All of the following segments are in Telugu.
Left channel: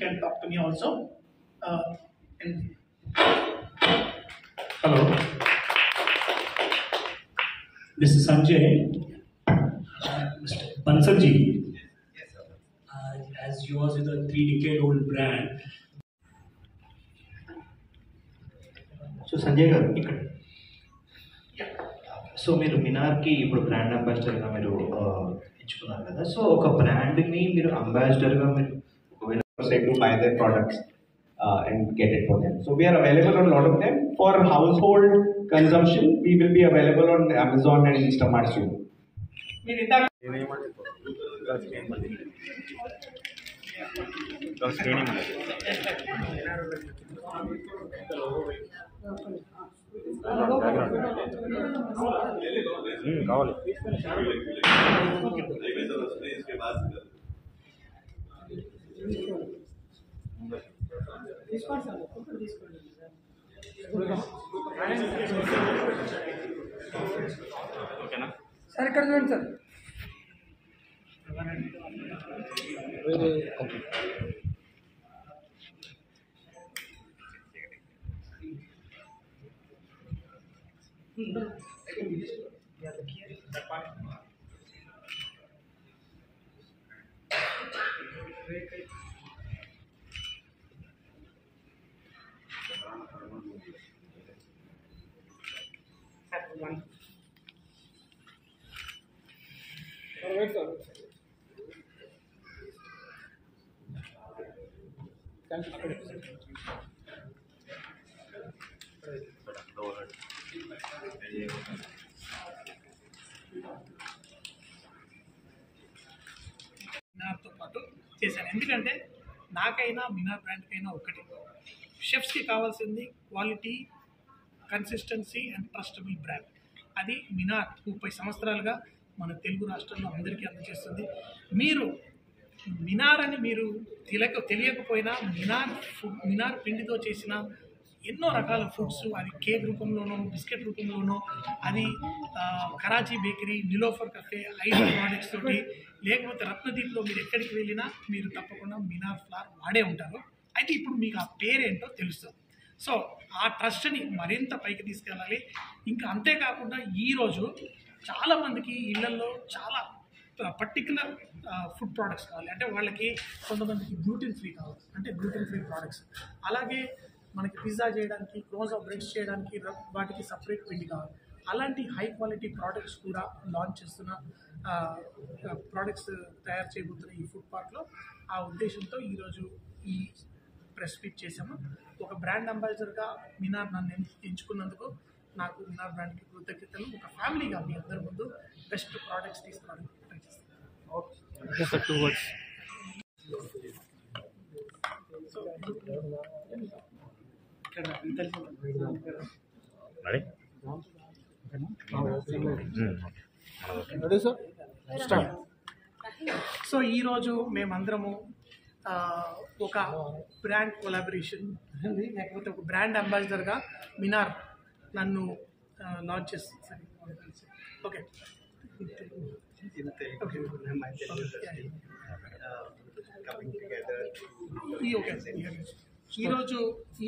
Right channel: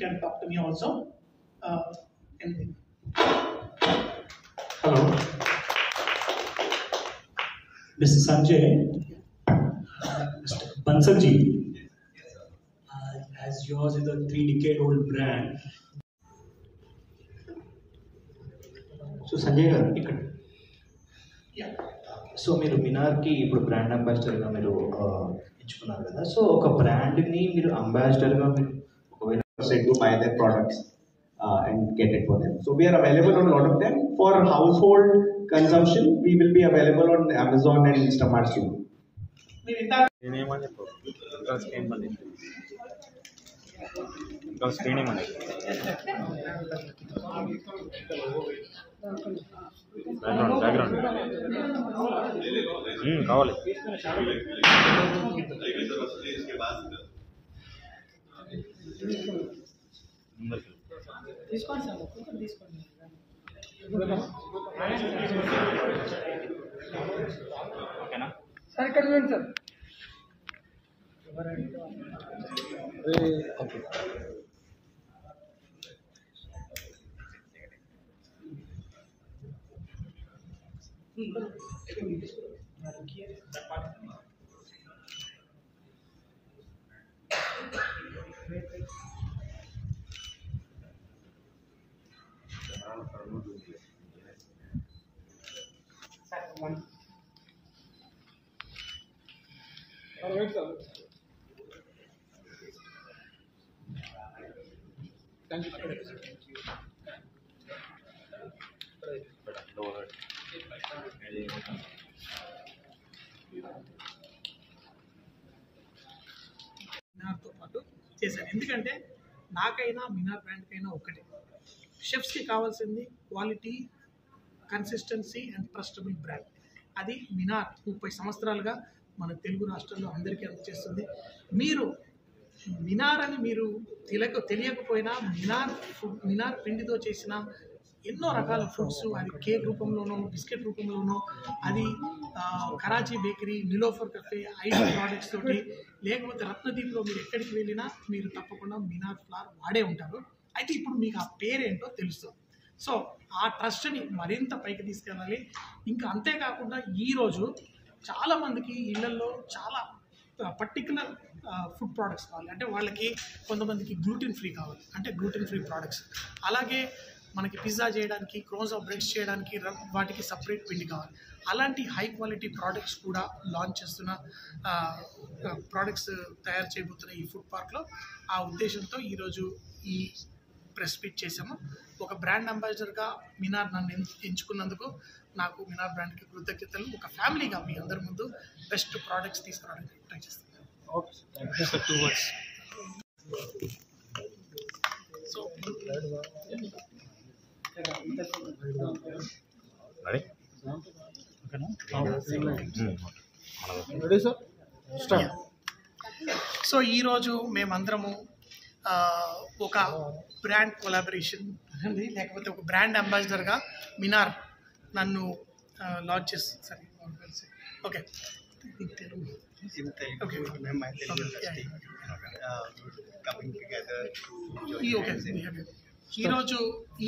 can talk to me also. Anything. Hello, Mr. Sanjay, Mr. Bansal-ji, as yours is a 3-decade-old brand. So Sanjay గారు ఇక్కడ Yeah. సో మీరు మినార్కి ఇప్పుడు బ్రాండ్ అంబాసిడర్గా మీరు ఎంచుకున్నారు కదా, సో ఒక బ్రాండ్ని మీరు అంబాసిడర్గా మీరు ఒకవేళ say to buy their products and get it for them. So we are available on a lot of them. For household consumption, we will be available on Amazon and Instamart soon. మీరు ఇందాక కావాలి తీసుకోండి సార్, ఒక్కొక్కరు తీసుకోండి. సార్ ఇక్కడ చూడండి సార్. మినార్తో పాటు చేశాను. ఎందుకంటే నాకైనా మినార్ బ్రాండ్కైనా ఒకటే, షెఫ్స్కి కావాల్సింది quality, consistency and trustable brand. అది మినార్ 30 సంవత్సరాలుగా మన తెలుగు రాష్ట్రాల్లో అందరికీ అందజేస్తుంది. మీరు మినార్ అని మీరు తెలియకపోయినా మినార్ పిండితో చేసిన ఎన్నో రకాల ఫుడ్స్, అది కేక్ రూపంలోనో బిస్కెట్ రూపంలోనో, అది Karachi bakery, Niloufer కఫే, ice products తోటి, లేకపోతే రత్నదీప్లో మీరు ఎక్కడికి వెళ్ళినా మీరు తప్పకుండా మినార్ ఫ్లార్ వాడే ఉంటారు. అయితే ఇప్పుడు మీకు ఆ పేరేంటో తెలుస్తుంది. సో ఆ ట్రస్ట్ని మరింత పైకి తీసుకెళ్ళాలి. ఇంకా అంతేకాకుండా ఈరోజు చాలామందికి ఇళ్లలో చాలా పర్టికులర్ ఫుడ్ ప్రోడక్ట్స్ కావాలి. అంటే వాళ్ళకి కొంతమందికి గ్లూటెన్ ఫ్రీ కావాలి, అంటే గ్లూటెన్ ఫ్రీ ప్రోడక్ట్స్. అలాగే మనకి పిజ్జా చేయడానికి, క్రోస్ ఆఫ్ బ్రెడ్స్ చేయడానికి వాటికి సపరేట్ పిండి కావాలి. అలాంటి హై క్వాలిటీ ప్రోడక్ట్స్ కూడా లాంచ్ చేస్తున్న ప్రోడక్ట్స్ తయారు చేయబోతున్న ఈ ఫుడ్ పార్క్లో ఆ ఉద్దేశంతో ఈరోజు ఈ ప్రెస్ మీట్ చేసాము. ఒక బ్రాండ్ అంబాసిడర్గా మినార్ నన్ను ఎంచుకున్నందుకు నాకు మినార్ బ్రాండ్కి కృతజ్ఞతలు. ఒక ఫ్యామిలీగా మీ అందరి ముందు బెస్ట్ ప్రోడక్ట్స్ తీసుకురావడానికి ట్రై చేస్తాను. సో సో ఈరోజు మేమందరము ఒక బ్రాండ్ కొలాబరేషన్ లేకపోతే ఒక బ్రాండ్ అంబాసిడర్గా మినార్ నన్ను లాంచ్ చేస్తుంది. సరే, ఓకే ఓకే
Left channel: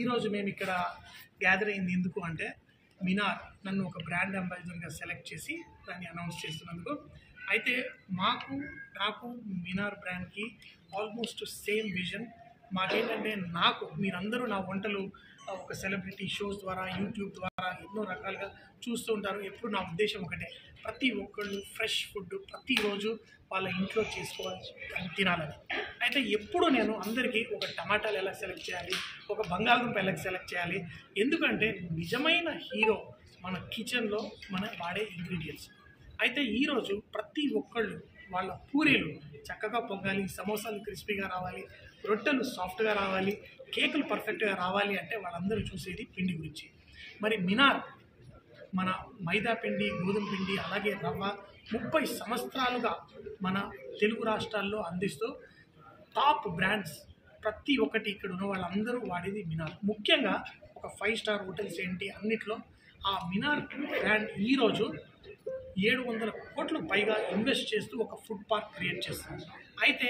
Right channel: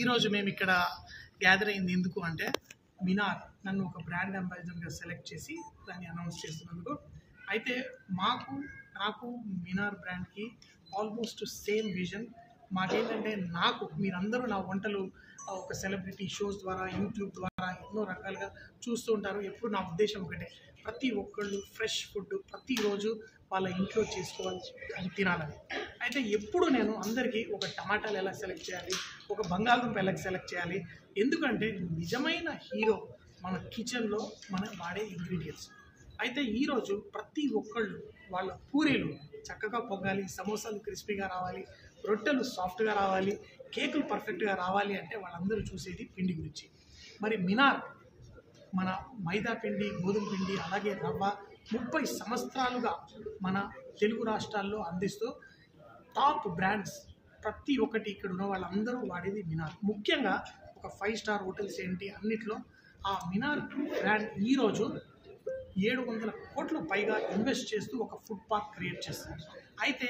ఈరోజు మేము ఇక్కడ గ్యాదర్ అయింది ఎందుకు అంటే, మినార్ నన్ను ఒక బ్రాండ్ అంబాసిడర్గా సెలెక్ట్ చేసి దాన్ని అనౌన్స్ చేస్తున్నందుకు. అయితే నాకు మినార్ బ్రాండ్కి ఆల్మోస్ట్ సేమ్ విజన్. మాకేంటంటే మీరందరూ నా వంటలు ఒక సెలబ్రిటీ షోస్ ద్వారా, యూట్యూబ్ ద్వారా ఎన్నో రకాలుగా చూస్తూ ఉంటారు. ఎప్పుడు నా ఉద్దేశం ఒకటే, ప్రతి ఒక్కళ్ళు ఫ్రెష్ ఫుడ్ ప్రతిరోజు వాళ్ళ ఇంట్లో చేసుకోవాలి, తినాలని. అయితే ఎప్పుడు నేను అందరికీ ఒక టమాటాలు ఎలా సెలెక్ట్ చేయాలి, ఒక బంగాళదుంప ఎలా సెలెక్ట్ చేయాలి, ఎందుకంటే నిజమైన హీరో మన కిచెన్లో మనం వాడే ఇంగ్రీడియంట్స్. అయితే ఈరోజు ప్రతి ఒక్కళ్ళు వాళ్ళ పూరీలు చక్కగా పొంగాలి, సమోసాలు క్రిస్పీగా రావాలి, రొట్టెలు సాఫ్ట్గా రావాలి, కేకులు పర్ఫెక్ట్గా రావాలి అంటే వాళ్ళందరూ చూసేది పిండి గురించి. మరి మినార్ మన మైదా పిండి, గోధుమ పిండి, అలాగే రవ్వ 30 సంవత్సరాలుగా మన తెలుగు రాష్ట్రాల్లో అందిస్తూ టాప్ బ్రాండ్స్ ప్రతి ఒక్కటి ఇక్కడ ఉన్న వాళ్ళందరూ వాడేది మినార్. ముఖ్యంగా ఒక 5 స్టార్ హోటల్స్ ఏంటి అన్నిట్లో ఆ మినార్ బ్రాండ్ ఈరోజు 700 కోట్ల పైగా ఇన్వెస్ట్ చేస్తూ ఒక ఫుడ్ పార్క్ క్రియేట్ చేస్తుంది. అయితే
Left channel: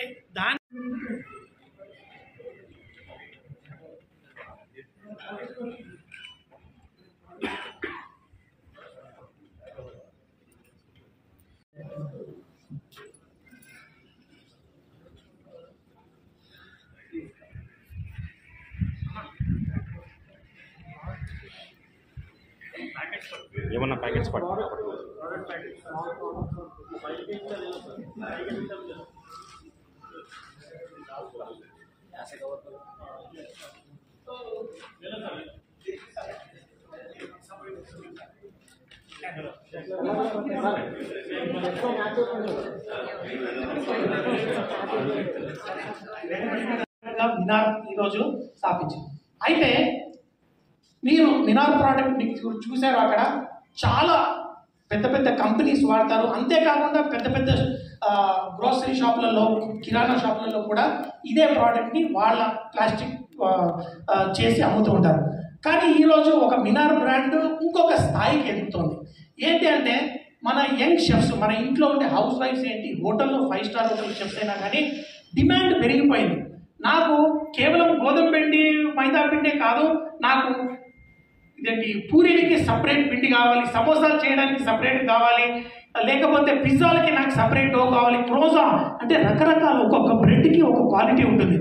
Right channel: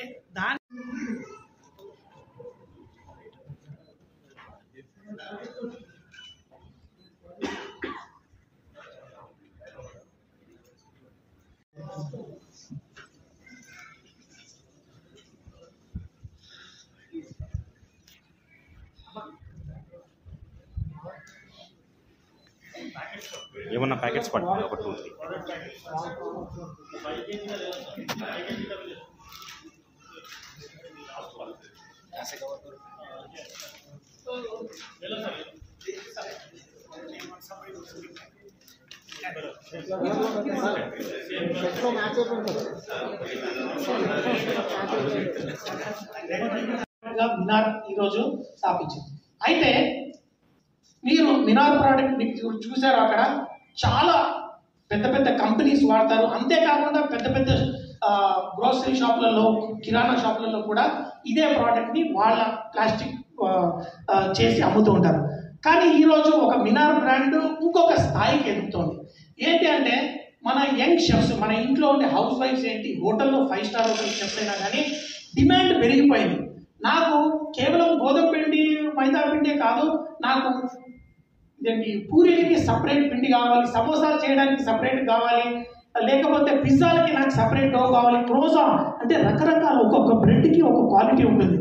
ఏమన్నా ప్యాకెట్స్ పట్టుకుని ఒక 2, మినార్ ఈరోజు స్థాపించింది. అయితే మీరు మినార్ ప్రోడక్ట్ చూసారు, అక్కడ చాలా పెద్ద పెద్ద కంపెనీస్ వాడతారు. అంతేకాకుండా పెద్ద పెద్ద గ్రోసరీ షాపులలో, కిరాణా షాపులలో కూడా ఇదే ప్రోడక్ట్ని వాళ్ళ ప్లాస్టిక్ చేసి అమ్ముతూ ఉంటారు. కానీ ఈరోజు ఒక మినార్ బ్రాండ్ ఇంకొక స్థాయికి ఎదుగుతోంది. ఏంటి అంటే మన యంగ్ షెఫ్స్, మన ఇంట్లో ఉండే హౌస్ వైఫ్స్ ఏంటి, హోటల్లో 5 స్టార్ హోటల్ షెఫ్స్ అయినా కానీ డిమాండ్ పెరిగిపోయింది. నాకు కేవలం గోధుమ పిండి, మైదా పిండే కాదు, నాకు ఇదేంటి పూరీలకి సపరేట్ పిండి కావాలి, సమోసాలు చేయడానికి సపరేట్ కావాలి, లేకపోతే పిజ్జాలకి నాకు సపరేట్ డో కావాలి, క్రోజా అంటే రకరకాల ఒక్కొక్క బ్రెడ్కి ఒక క్వాలిటీ ఉంటుంది.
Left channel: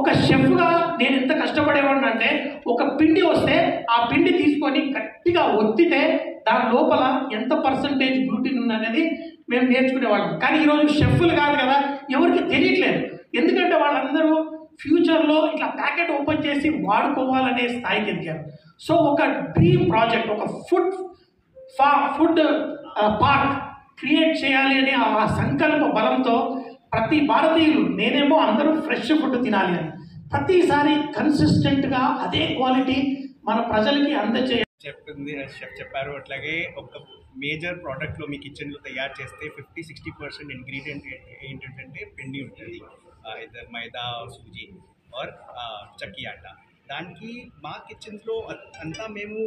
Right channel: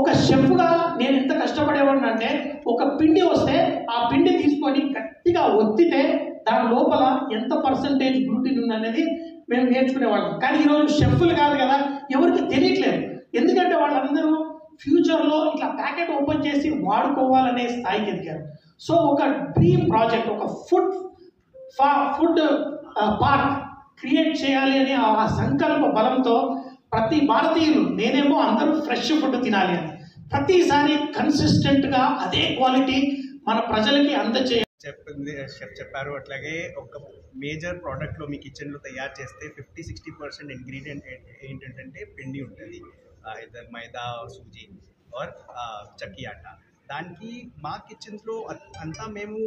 ఒక షెఫ్గా నేను ఎంత కష్టపడేవాడిని అంటే ఒక పిండి వస్తే ఆ పిండి తీసుకొని గట్టిగా ఒత్తితే దాని లోపల ఎంత పర్సంటేజ్ గ్లూటిన్ ఉందనేది మేము నేర్చుకునేవాళ్ళం. కానీ ఈరోజు షెఫ్లు కాదు కదా, ఎవరికి తెలియట్లేదు. ఎందుకంటే వాళ్ళందరూ ఫ్యూచర్లో ఇట్లా ప్యాకెట్ ఓపెన్ చేసి వాడుకోవాలనే స్థాయికి ఎదిగారు. సో ఒక డ్రీమ్ ప్రాజెక్ట్, ఒక ఫుడ్ పార్క్ క్రియేట్ చేయాలి అనే ఆ సంకల్ప బలంతో ప్రతి భారతీయులు, నేనేమో అందరూ ఫ్రెష్ ఫుడ్ తినాలి అని, ప్రతిసారి కన్సిస్టెంట్గా అదే క్వాలిటీ మన ప్రజలకి అందజేయాలి. షెఫ్ చెప్పారు అట్లాగే ఒక మేజర్ ప్రోడక్ట్లో మీ కిచెన్లో తయారు చేస్తే 50-60% ఇంగ్రీడియంట్ ఏంటంటే పిండి ఉంటుంది, ఇద్దరు మైదా, సూజీ ఆర్ చక్కి ఆట. దానికి మా కిచెన్స్లో అంతా మేము